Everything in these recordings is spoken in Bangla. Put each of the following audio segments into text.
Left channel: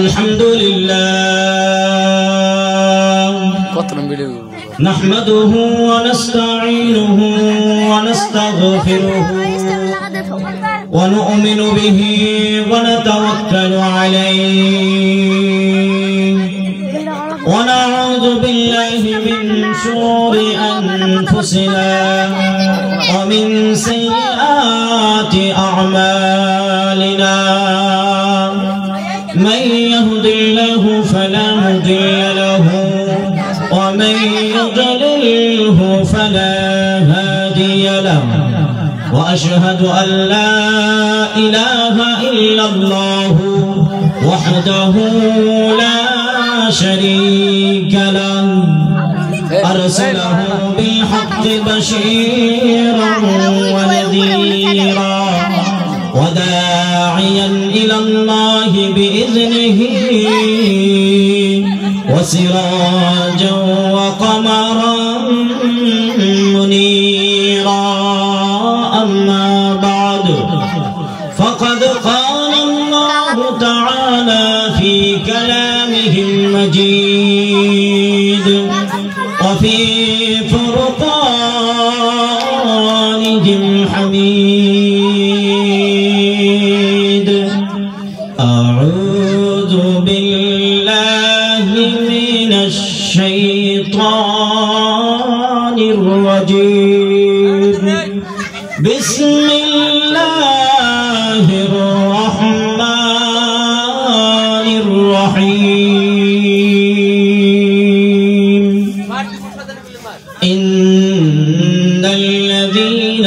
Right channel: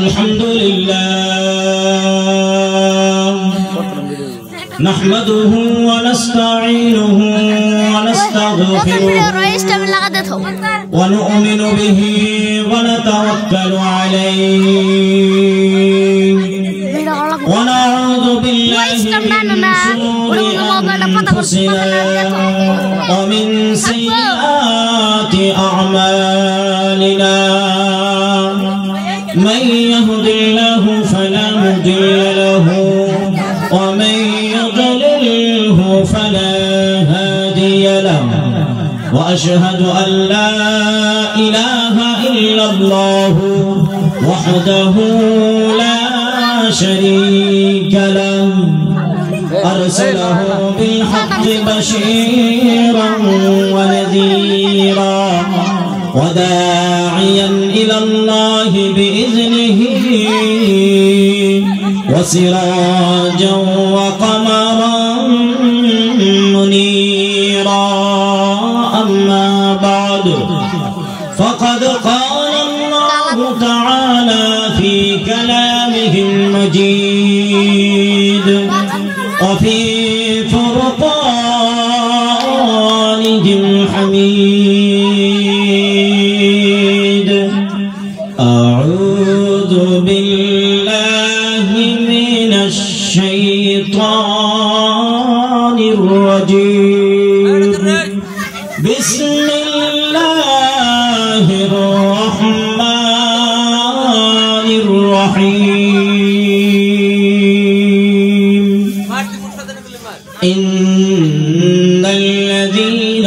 আলহামদুলিল্লাহ نحمده ونستعينه ونستغفره ونؤمن به ونتوكل عليه ونعوذ بالله من شرور أنفسنا ومن سيئات أعمالنا من يهد الله فلا مضل له ومن يضلله فلا هادي له وأشهد أن لا إله إلا الله وحده لا شريك له أرسله بالحق بشيرا ونذيرا وداعيا إلى الله بإذنه وسراجا وقمرا منيرا أما بعد فقد قال الله تعالى في كلامه المجيد وفي فرقانه الحميد أعوذ بالله من الشيطان الرجيم بسم الله الرحمن الرحيم إن الذين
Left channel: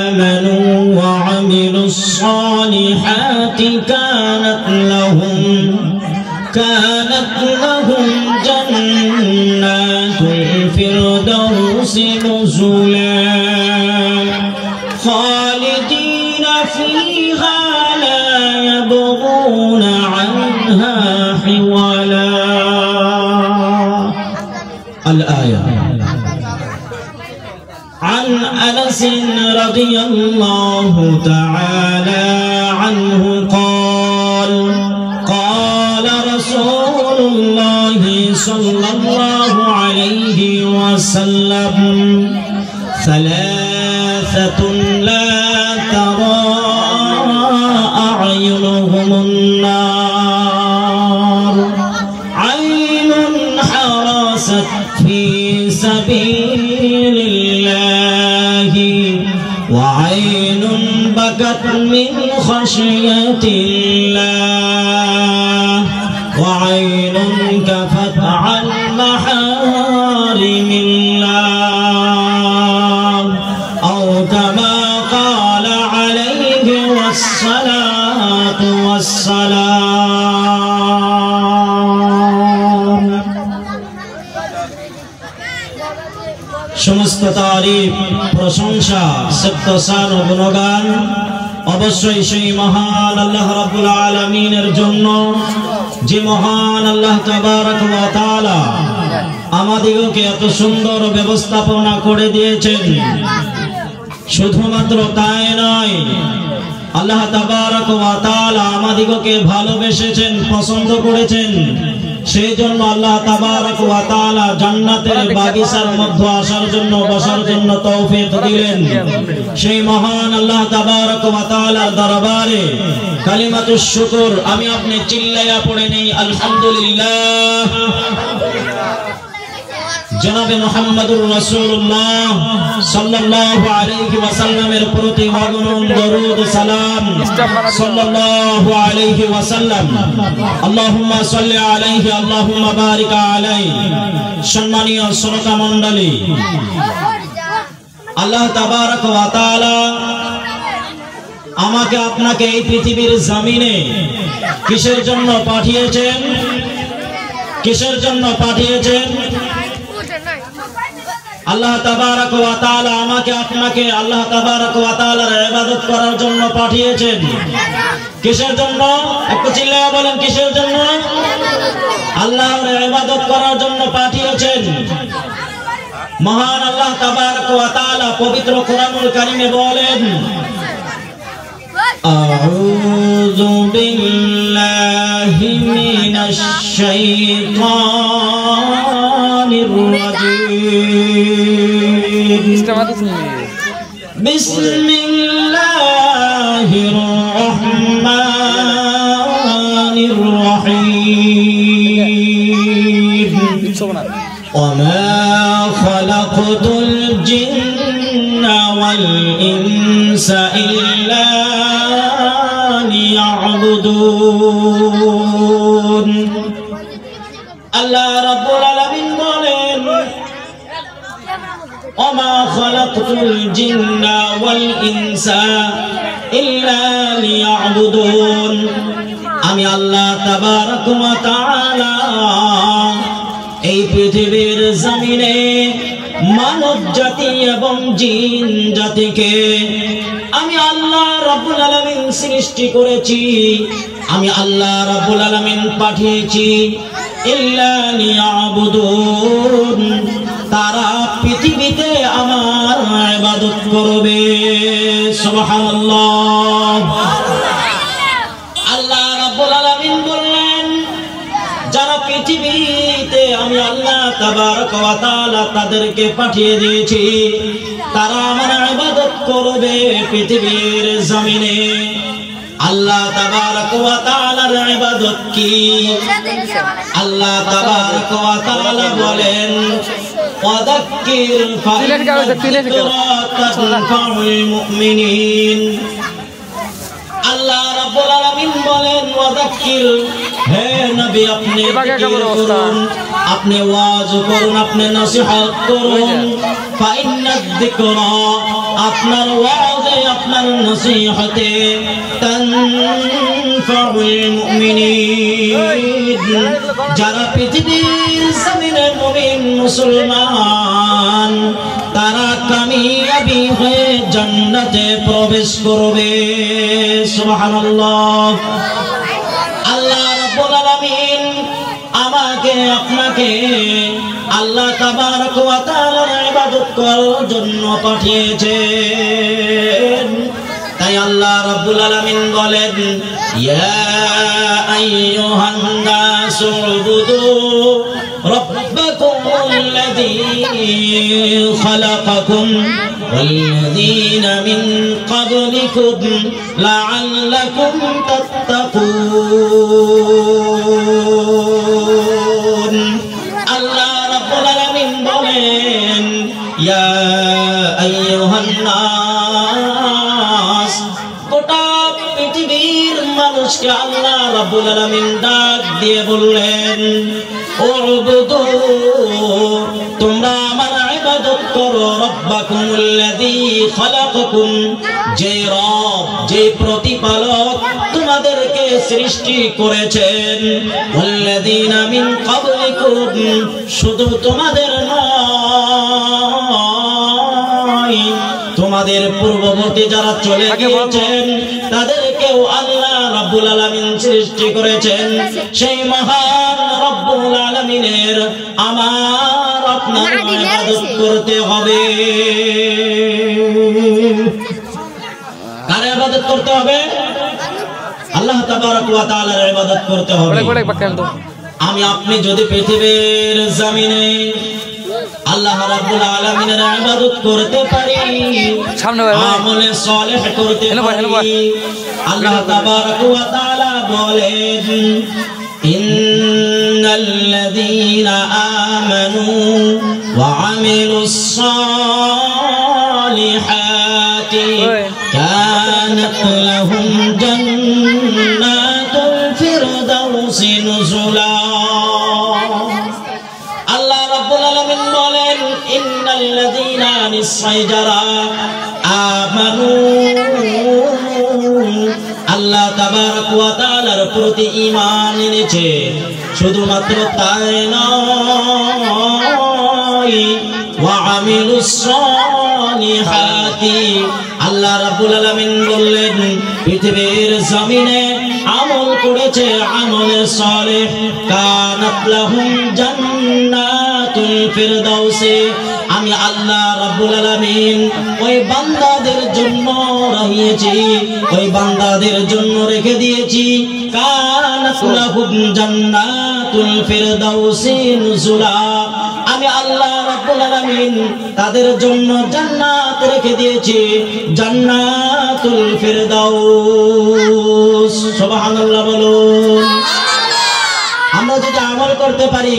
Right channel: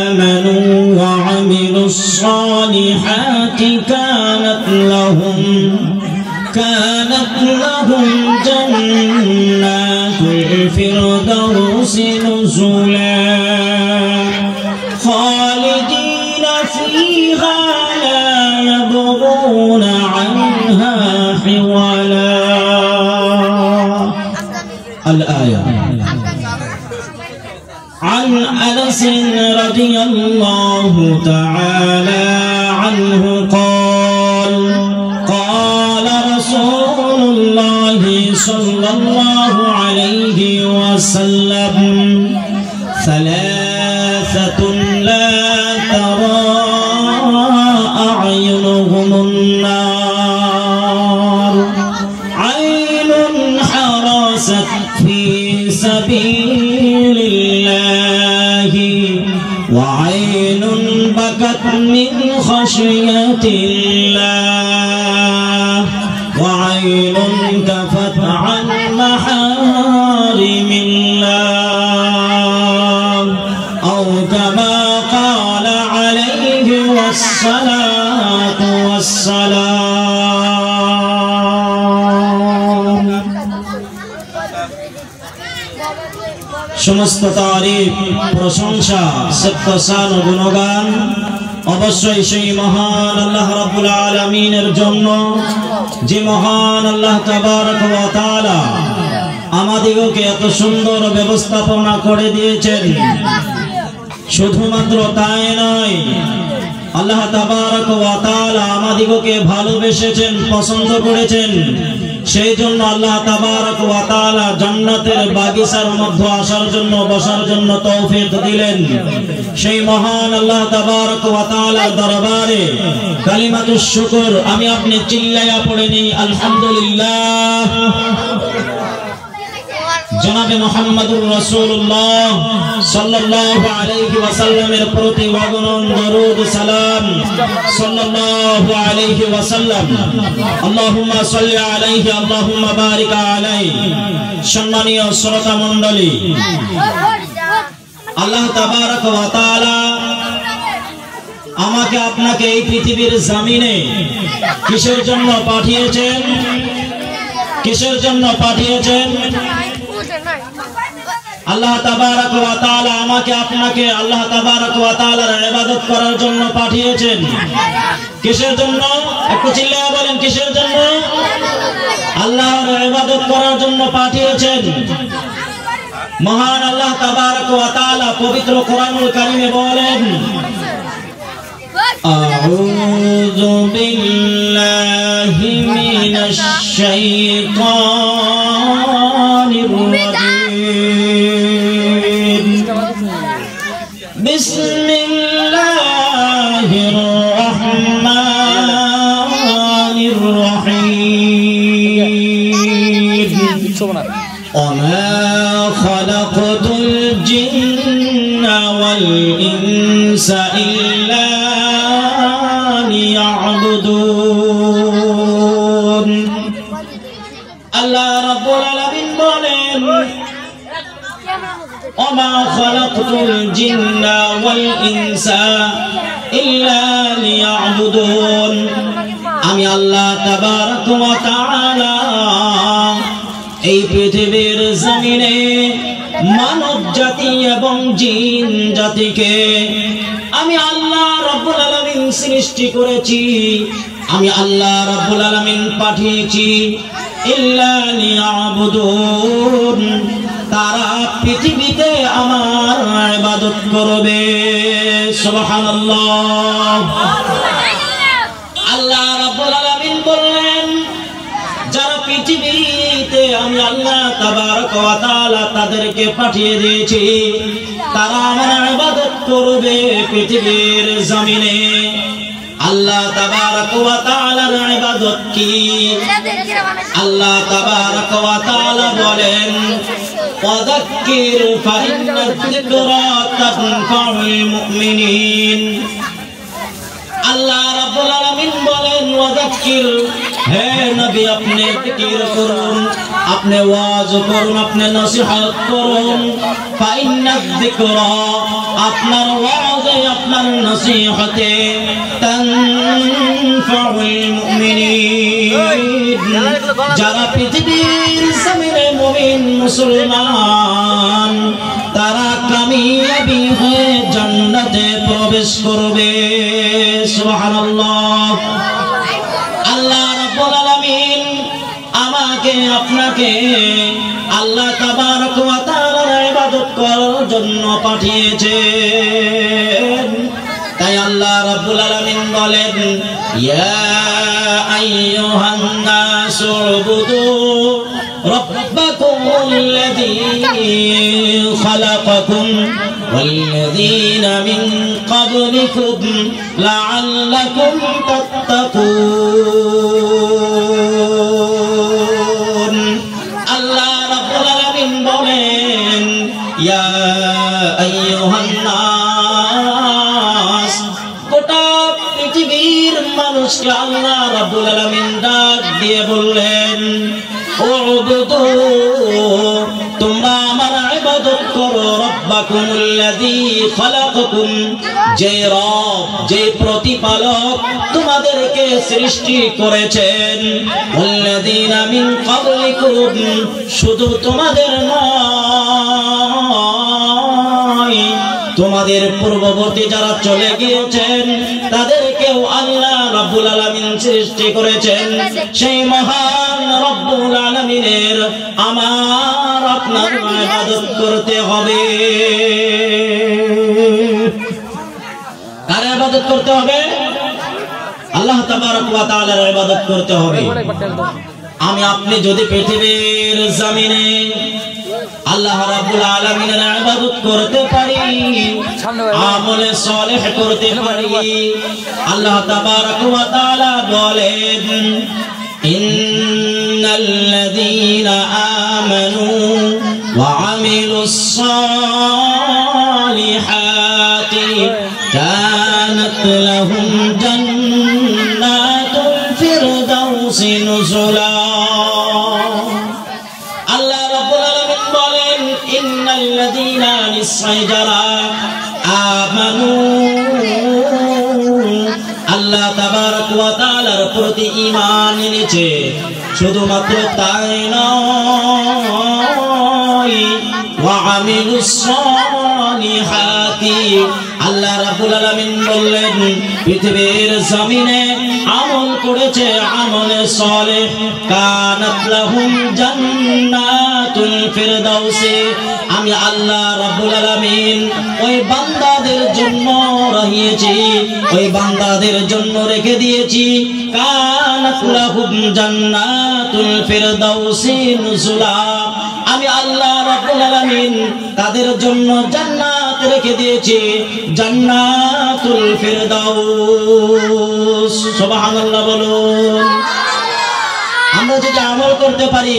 آمنوا وعملوا الصالحات كانت لهم جنات الفردوس نزلا خالدين فيها لا يبغون عنها حولا. الآية. عن أنس رضي الله تعالى عنه قال قال رسول الله صلى الله عليه وسلم ثلاثة لا ترى أعينهم النار عين حرست في سبيل الله وعين بكت من خشية الله وعين كفت عن محارم الله أو كما قال عليه الصلاة والسلام. সমস্ত তারিফ প্রশংসা সত্যসান গুণগান অবশ্যই সেই মহান আল্লাহ রাব্বুল আলামিনের জন্য, যে মহান আল্লাহ তাবারক ওয়া তাআলা আমাদিগকে এত সুন্দর ব্যবস্থাপনা করে দিয়েছেন। শুধুমাত্র তাই নয়, আল্লাহ তাবারক ওয়া তাআলা আমাদিগকে ভালোবেসেছেন, পছন্দ করেছেন। সেই জন্য আল্লাহ তাবারক ওয়া তাআলা জান্নাতের বাগিচার মধ্যে আসার জন্য, বসার জন্য তৌফিক দিলেন। সেই মহান আল্লাহ তাবারক ওয়া তাআলার দরবারে কালিমাতুশ শুকর আমি আপনি চিল্লাইয়া পড়ে নেই আলহামদুলিল্লাহ। জনাবে মুহাম্মদুর রাসূলুল্লাহ সাল্লাল্লাহু আলাইহি ওয়াসাল্লামের প্রতি অগণন দরুদ সালাম সাল্লাল্লাহু আলাইহি ওয়াসাল্লাম। আল্লাহুম্মা সাল্লি আলাইহি আল্লাহুম্মা বারিক আলাইহি। সম্মানীয় শ্রোতা মণ্ডলী, আল্লাহ তাবারক ওয়া তাআলা আমাকে আপনাকে এই পৃথিবীর জমিনে কিসের জন্য পাঠিয়েছেন? কিসের জন্য পাঠিয়েছেন? আল্লাহ তাবারক ওয়া তাআলা আমাকে আপনাকে আল্লাহ তাবারক ওয়া তাআলার ইবাদত করার জন্য পাঠিয়েছেন। কিসের জন্য? একটু চিল্লায়ে বলেন, কিসের জন্য? আল্লাহর ইবাদত করার জন্য পাঠিয়েছেন। মহান আল্লাহ তাবারক ওয়া তাআলা পবিত্র কোরআনুল কারীমে বলেন أعوذ بالله من الشيطان الرجيم بسم الله الرحمن الرحيم وما خلقت الجن والإنس إلا ليعبدون الله رب العالمين বলেন وما خلقت الجن والإنس إلا ليعبدون আমি আল্লাহ তাবারক ওয়া তাআলা এই পৃথিবীর জমিনে মানব জাতি এবং জিন জাতিকে আমি আল্লাহ রাব্বুল আলামিন সৃষ্টি করেছি, আমি আল্লাহ রাব্বুল আলামিন পাঠিয়েছি ইল্লা লিয়াবুদুন, তারা পৃথিবীতে আমার ইবাদত করবে। সুবহানাল্লাহ। আল্লাহ রাব্বুল আলামিন বললেন যারা পৃথিবীতে আমি আল্লাহ তাবারক ওয়া তাআলা তাদেরকে পাঠিয়ে দিয়েছি তারা আমার ইবাদত করবে পৃথিবীর জমিনে। আল্লাহ তাবারক ওয়া তাআলার ইবাদত কি? আল্লাহ তাবারক ওয়া তাআলা বলেন ওয়াযাক্কির ফাইন্না যিকরা তানফাউল মুমিনিন। আল্লাহ রাব্বুল আলামিন বলেন ওয়াযাক্কির, হে নবী আপনি জিকির করুন, আপনি ওয়াজ করুন, আপনি নসিহত করুন। ফাইন্না যিকরা, আপনার ওয়াজে আপনার নসিহতে তানফাউল মুমিনিন, যারা পৃথিবীর জমিনে মুমিন মুসলমান তারা কামিয়াবি হয়ে জান্নাতে প্রবেশ করবে। সুবহানাল্লাহ। আল্লাহ রাব্বুল আলামিন আমাকে আপনাকে আল্লাহ তাবারক ওয়া তাআলার ইবাদত করার জন্য পাঠিয়েছেন। তাই আল্লাহ রাব্বুল আলামিন বলেন ইয়া আইয়ুহান নাসু উবুদু রাব্বাকুমুল্লাযী খালাকাকুম ওয়াল্লাযীনা মিন ক্বাবলিকুম লাআল্লাকুম তাত্তাকুন। আল্লাহ রাব্বুল আলামিন বলেন ইয়া আইয়ুহান নাস, গোটা পৃথিবীর মানুষকে আল্লাহ রাব্বুল আলামিন ডাক দিয়ে বললেন উবুদু, তোমরা আমার ইবাদত করো, রাব্বাকুমুল্লাযী খালাকাকুম, যে রব যে প্রতিপালক তোমাদেরকে সৃষ্টি করেছেন, ওয়াল্লাযীনা মিন ক্বাবলিকুম, শুধু তোমাদের নয় তোমাদের পূর্ববর্তী যারা চলে গিয়েছেন তাদেরকেও আল্লাহ রাব্বুল আলামিন সৃষ্টি করেছেন। সেই মহান রব্বুল আলামিনের আমার আপনার ইবাদত করতে হবে। কার ইবাদত করতে হবে? আল্লাহ তাবারক ওয়া তাআলার ইবাদত করতে হবে। আমি আপনি যদি পৃথিবীর জমিনে আল্লাহ রাব্বুল আলামিনের ইবাদত করতে পারি, আমলে সালেহ করতে পারি, আল্লাহ তাবারক ওয়া তাআলা বলেন ইন্নাল্লাযীনা আমানু ওয়া আমিলুস সালিহাতি কানাত লাহুম জান্নাতুল ফিরদাউসি নুজুলা। আল্লাহ রাব্বুল আলামিন বলেন ইন্নাল্লাযীনা নিশ্চয় যারা আমানু, আল্লাহ তাবারক ওয়া তাআলার প্রতি ঈমান এনেছে, শুধুমাত্র তাই নয় ওয়া আমিলুস সালিহাতি, আল্লাহ রাব্বুল আলামিন বললেন পৃথিবীর জমিনে আমল করেছে, আমলে সালেহ, কানাত লাহুম জান্নাতুল ফিরদাউসি, আমি আল্লাহ রাব্বুল আলামিন ওই বান্দাদের জন্য রাখিয়েছি, ওই বান্দাদের জন্য রেখে দিয়েছি কানাত লাহুম জান্নাতুল ফিরদাউসি নুজুলা। আমি আল্লাহ রাব্বুল আলামিন তাদের জন্য জান্নাত রেখে দিয়েছি, জান্নাতুল ফিরদাউস। সুবহানাল্লাহ বলুন। আমরা যদি আমল করতে পারি,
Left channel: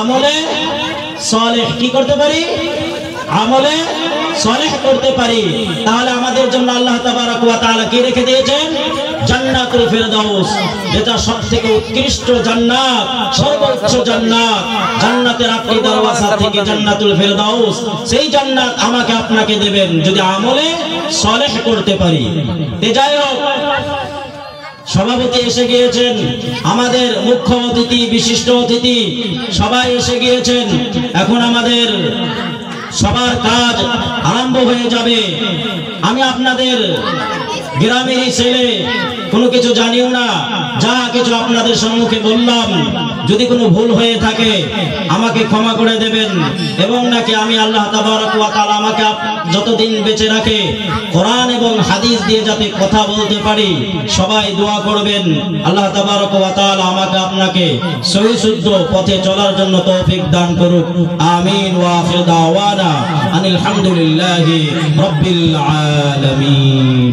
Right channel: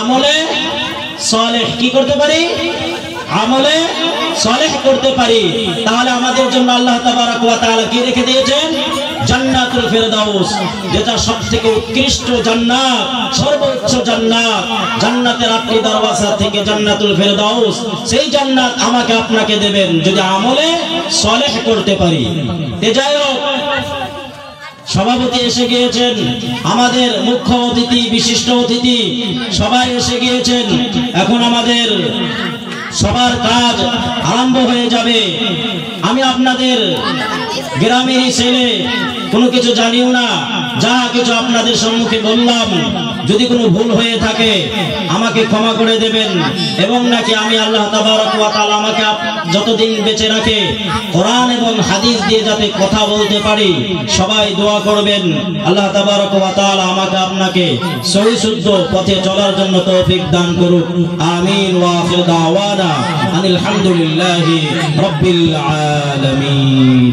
আমলে সালেহ কি করতে পারি, আমলে সালেহ করতে পারি, তাহলে আমাদের জন্য আল্লাহ তাবারক ওয়া তাআলা কি রেখে দিয়েছেন, জান্নাতুল ফিরদাউস, যেটা সবথেকে উৎকৃষ্ট জান্নাত, সর্বোচ্চ জান্নাত। জান্নাতের 8টি দরওয়াজা থেকে জান্নাতুল ফিরদাউস, সেই জান্নাত আমাকে আপনাকে দেবেন যদি আমলে সালেহ করতে পারি। যাই হোক, সভাপতি এসে গিয়েছেন, আমাদের মুখ্য অতিথি, বিশিষ্ট অতিথি সবাই এসে গিয়েছেন। এখন আমাদের সবার কাজ আরম্ভ হয়ে যাবে। আমি আপনাদের গ্রামেরই ছেলে, কোনো কিছু জানিও না, যা কিছু আপনাদের সম্মুখে বললাম যদি কোনো ভুল হয়ে থাকে আমাকে ক্ষমা করে দেবেন, এবং নাকি আমি আল্লাহ তাবারক ওয়া তাআলা আমাকে যতদিন বেঁচে রাখে কোরআন এবং হাদিস দিয়ে যাতে কথা বলতে পারি, সবাই দোয়া করবেন আল্লাহ তাবারক ওয়া তাআলা আমাকে আপনাকে সহি শুদ্ধ পথে চলার জন্য তৌফিক দান করুক। আমিন। ওয়া আখির দাওয়ানা আনিল হামদুলিল্লাহি রাব্বিল আলামিন।